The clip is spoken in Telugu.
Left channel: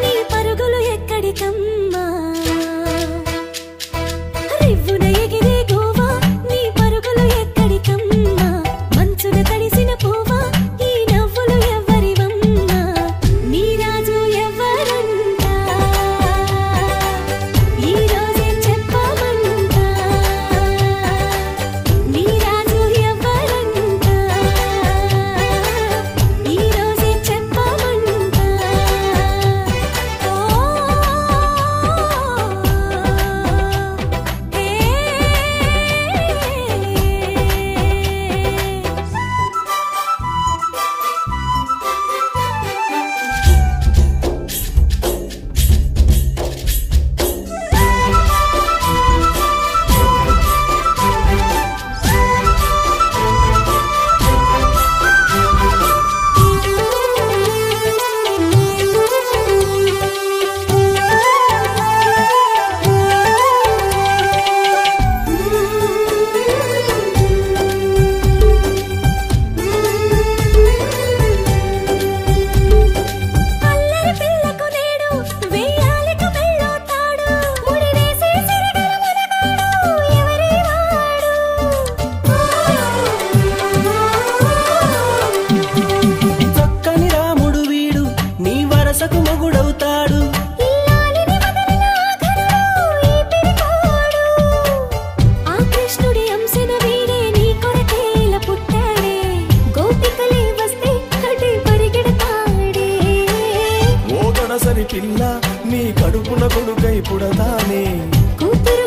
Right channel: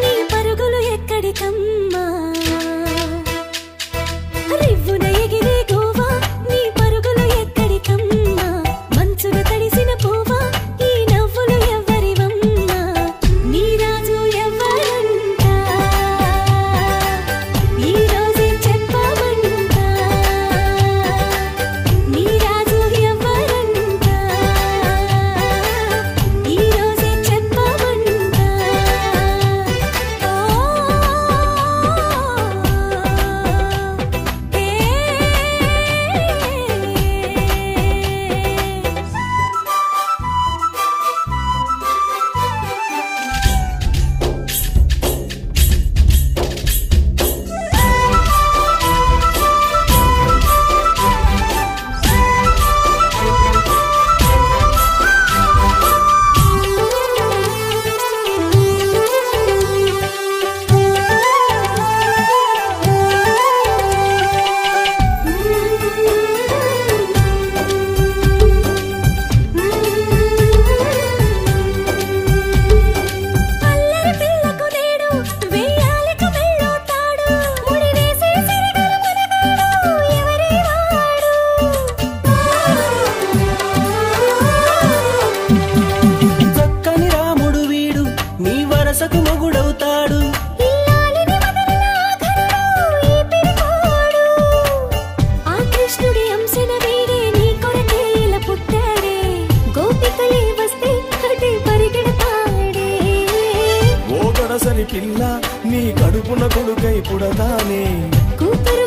నీ పరుగులు ఎక్కడికమ్మా రివ్వున ఎగిరే గోవా నీ పరుగులు ఎక్కడికమ్మా మంచుడు తడిసిన పువ్వా ఈ నవ్వులు ఎవరివమ్మా నీ రాజు ఎవరంట ఈ రోజే చెప్పమంట నీ రాజు ఎవరంట ఈ రోజే చెప్పమంట అల్లరి పిల్లకు నేడు వెయ్యాలకు వెళ్ళోతాడు ముడి వేసే సిరిగల మనగాడు ఎవరే చక్కని రాముడు వీడు నీ వరసకు మొగుడవుతాడు ఇల్లాలిని వదిలిన ఆఖరు ఈ పిరికోడు ఆ కృష్ణుడి అంశన వీడే నీ కొరకేలు పుట్టాడే గోపికలై వస్తే అటే పరిగెడతాడే ఓ గనసరి పిల్ల నీ కడుపున కొడుకై పుడతానే కూతురు